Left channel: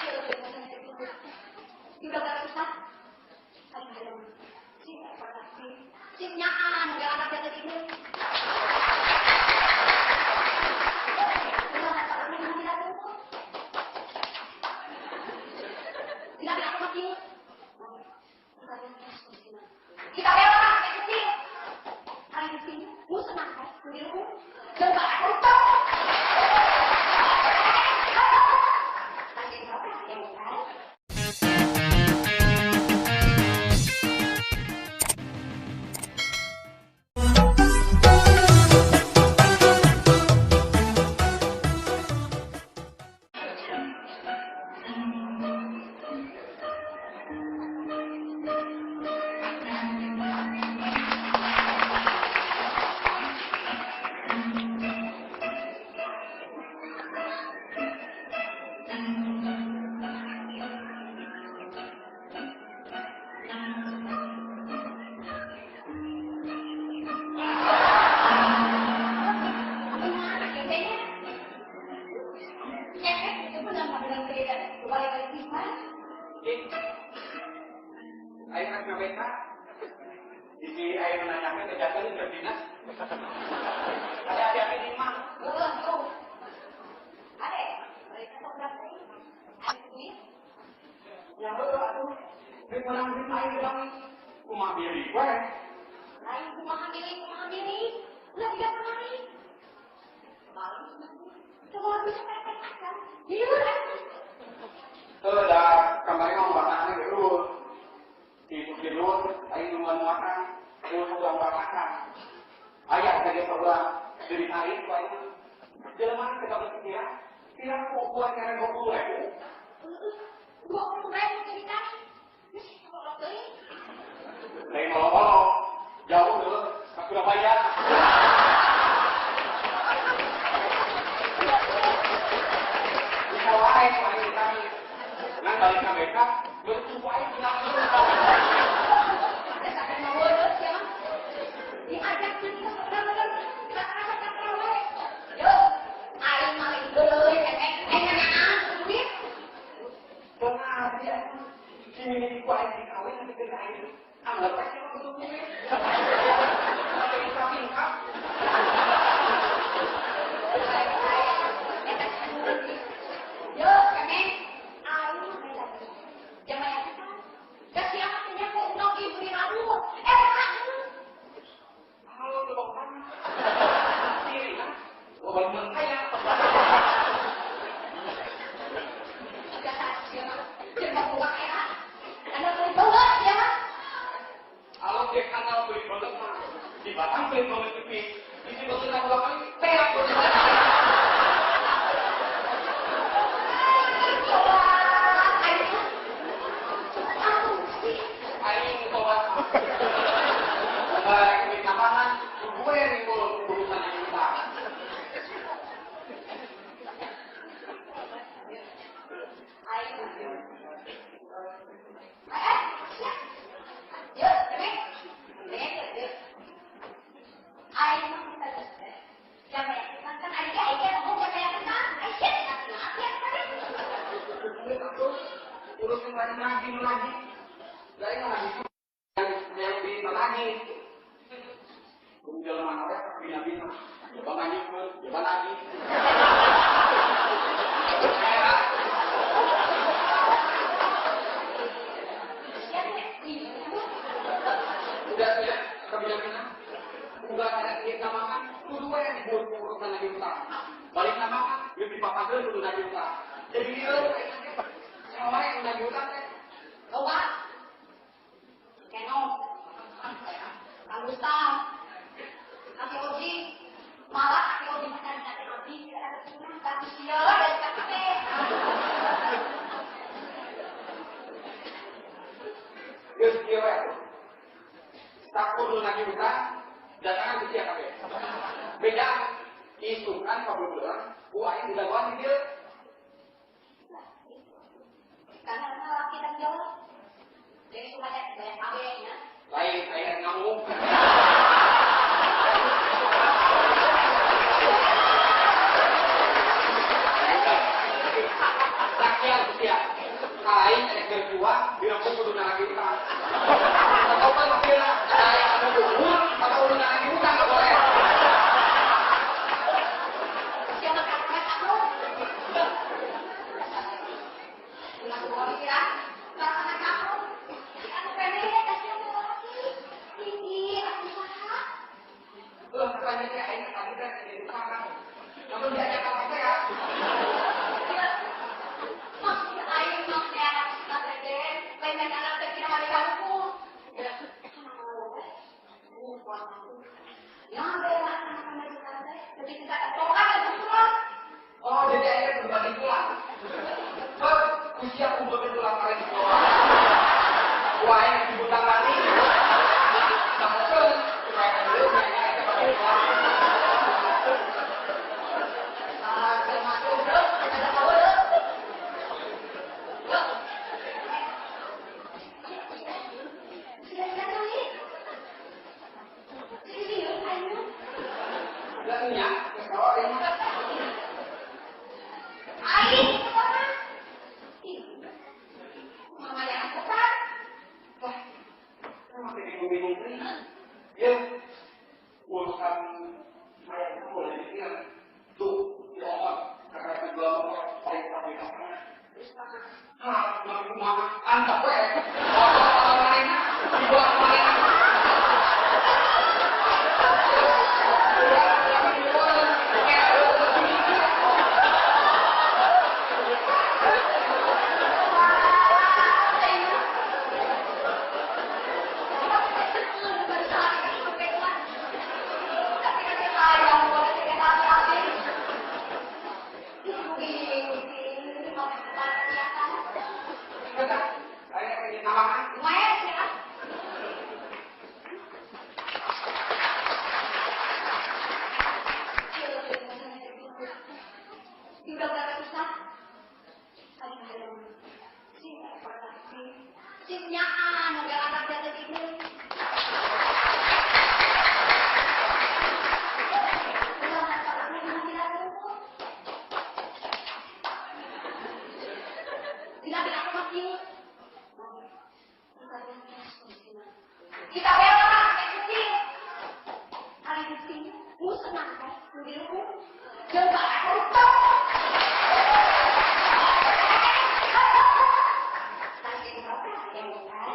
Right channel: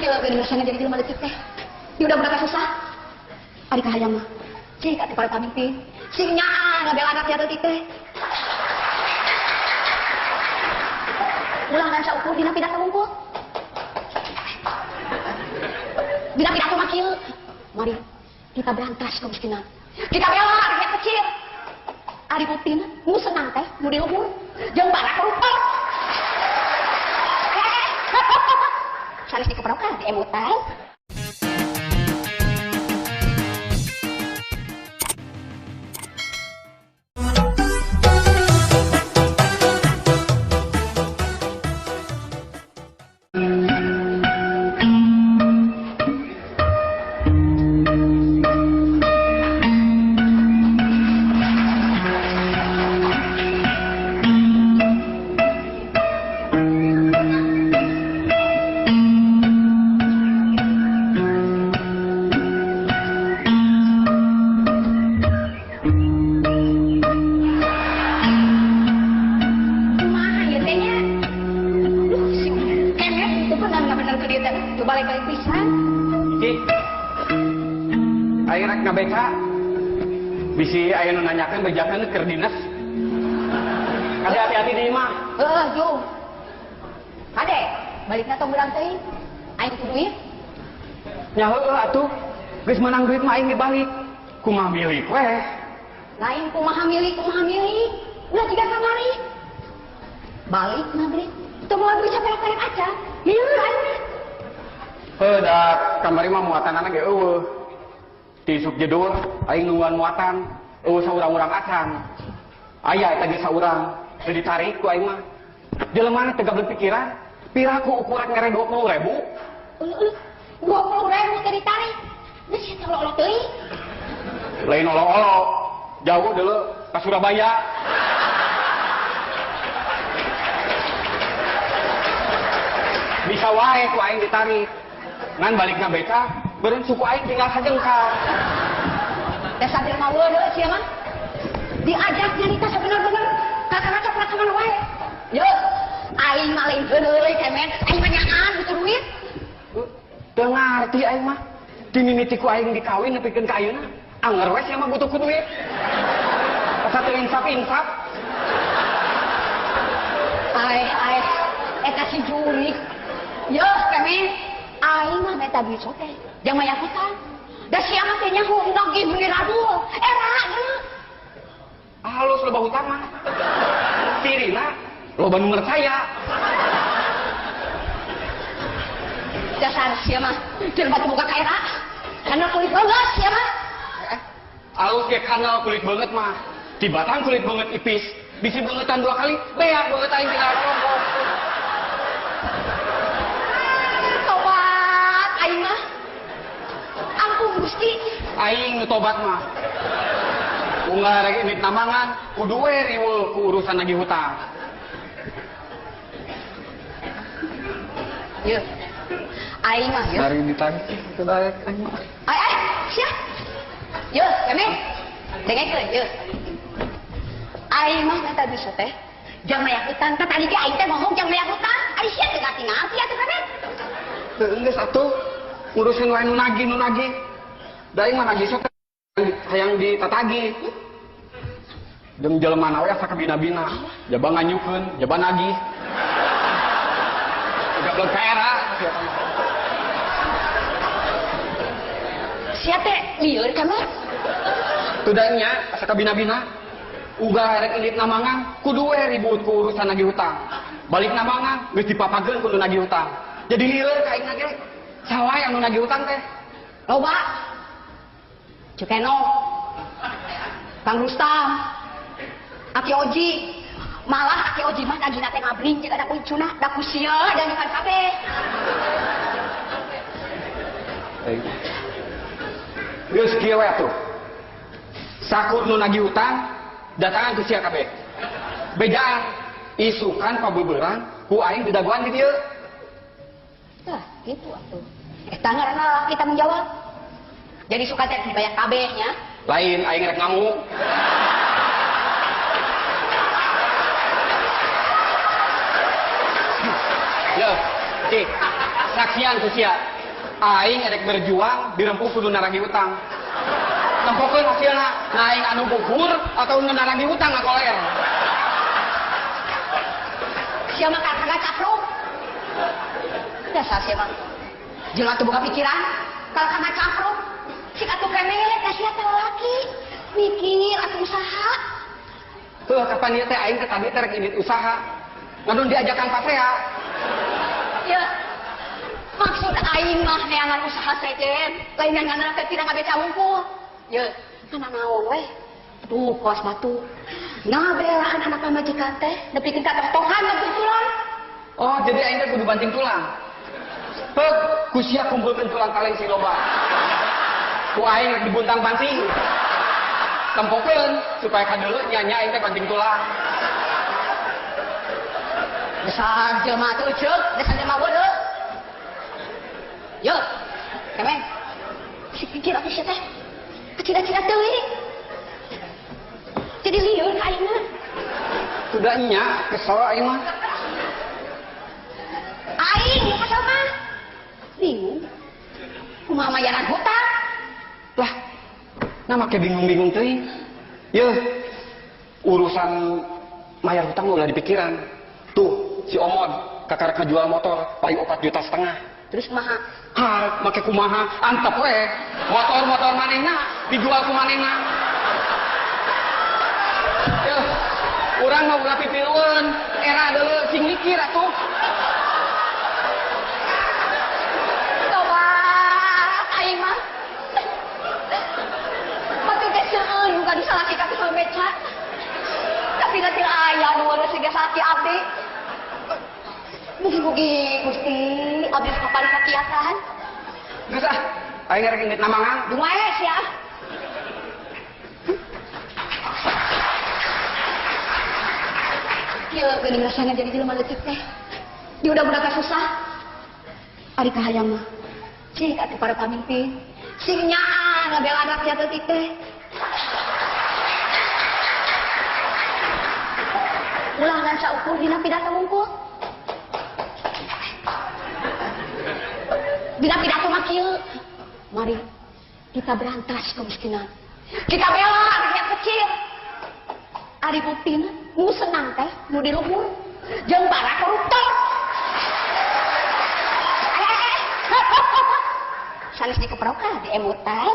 Ya bener sana jadi jelema leutik teh. Di udah susah. Ari kahayang mah. Cik atuh para pamimpin. Sing nyaa ngabela anak jatuh teh. Ulang ngan saukur dina pidato unggul. Dina pidato mah kieu. Mari kita berantas kemiskinan. Kita bela rakyat kecil. Ari Putin nu senang teh nu diluhur. Jeung badak koruptor. Sanes dikeprokan di emutan. Bisi aya nu nanyakeun bejakeun keur dinas. Kade hati-hati di imah. Heeh, Jung. Kade, balikna tong urang teuing. Aing kudu duit. Nya heueuh atuh. Geus menang duit mah aing dibalik. Kumaha milik we. Lain kumaha milik. Ulah jiga kamari. Balik maghrib. Teu moal bisa pelak-pelak aja. Ieu aing. Heuh da kamari mah muatanana ge eueuh. Di subjedul aing nungguan muatan saurang-urang acan aya eta ge saurang teu ditarik ku aing mah jelema teu gablek pikiran piraku ukuran ngere 20.000 20.000 teu ditarik geus eta olok teuing lain olok-olok jauh deuleu ka Surabaya bisa wae ku aing ditarik ngan balikna beka beureun suku aing tinggal hajengkal. Dasar teh mah weuleuh sia mah. Diajak nyarita sabener-bener kakak-kakak pelaksana wae. Yo, aing mah lain geuleuleuy kemet, aing tanyaan gitu duit. Teu ngarti aing mah. Dimimiti ku aing dikawin nepikeun ka ayeuna. Anger we sia mah butuh ku duit. Asa teu insaf-insaf. Ai, eta si jurik. Yo, kemet. Aing mah meta duit sote. Jang maya hutang. Da sia mah teh nyaho nagih bener aduh. Geus. Halus loba hutang mah. Tirina loba nu percaya. Dasar sia mah teu batu buka kaera. Kana kulit banget sia mah. Alus ge kanal kulit banget mah. Di batang kulit banget ipis. Bisi bangetan 2 kali, beak banget aing. Aing nu tobat mah. Unggal rek init namangan, kudu we riweuh ku urusan nagih hutang. Ye. Aing mah ye. Dari ditagih teu daek aing mah. Ai, sia. Ye, kene. Dengekeun ye. Aing mah eta bisa teh. Jang maya hutang, tah tadi ge aing teh ngomong jang maya hutang. Ari sia teh ngati-ngati atuh kene. Teu geus atuh. Ngurusin wae nu nagih. Da aing mah nagih sok hayang ditatagi. Jeung jelema na we asa kabina-bina. Jaba nganyukeun, jaba nagih. Gagal kaera. Sia teh lieur kan mah. Teu da nya asa kabina-bina. Uga rek indit namangan kudu we ribut ku urusan nagih hutang. Balik namangan geus dipapageun kudu nagih hutang. Jadi lieur ka aing ge. Saha yang nu nagih hutang teh? Loba. Cukeno, Kang Rustam, Aki Oji, malah Aki Oji mah nagih nate ngabring jeung ada kuncuna, da kusia dan kan kabeh. Geus kieu we atuh. Sakur nu nagih hutang datangan ku sia kabeh. Bedaan isukan pabeubeurang ku aing di dagoan di dieu. Tah, gitu atuh. Eta ngaranna kita menjawab. Jadi suka teh dibayar kabehnya. Lain aing rek ngamuk. Ya, saksian ku sia. Aing erek berjuang dirempuk kudu naragi utang. Nampokeun hasilna, aing anu buhur atau nu naragi utang ngagolel. Sia mah kakak capruk. Dasar sia mah. Jelema teu boga pikiran, kakak capruk. Cik atuh kemet, da sia teh laki. Mikir atuh usaha. Tuh kapan ieu teh aing teh tadi teh rek indit usaha. Ngadun diajakan pasea. Ya. Maksud aing mah neangan usaha sejen. Lain nganana teh tidak ngabeca hungkul. Ya, kana naon we? Tuh kos batu. Nah, belahan anak majikan teh nepikeun ka tohan banting tulang. Oh, jadi aing teh kudu banting tulang. Heuh, ku sia kumpulkeun tulang kaleng si loba. Ku aing dibuntang banting. Tempokeun supaya kadeuleu nya aing teh banting tulang. Dasar jelema teh ceuk, dasar jelema bodoh. Yo, kemen. Si pikir apa sih teh? Cida-cida teuing. Jadi lieur ka ayeuna. Sudah nya, kesel aing mah. Aing kesel mah. Bingung. Kumaha mayaran hutang? Lah, nah make bingung-bingung teuing. Yeuh, urusan mayar hutang ulah dipikiran. Tuh, si Omon kakak jual motor paling 4,5 juta. Terus kumaha? Ha, make kumaha? Antep we. Motor manehna dijual ku manehna. Urang mah ulah pipilueun. Era deuleu sing mikir atuh. Tawat aing mah. Matu teh seueun bukan disalaki ka tukang beca. Tapi nanti aya nu siga salaki abdi. Mugi-mugi Gusti abdi kapan kakiatan. Geus ah, aing rek indit namangan. Dumae sia. Kieu geuning rasana jadi jelema leutik teh. Di udah-udah susah. Ari kahayang mah. Cik atuh para pamimpin. Sing nyaan ngabel anak sia leutik teh. Ulangan saukur dina pidato wungkul. Dina pidato mah kieu. Mari kita berantas kemiskinan. Kita bela anak yang kecil. Ari buktina nu senang teh nu di luhur jeung para koruptor. Sanes dikeprokan di emutan.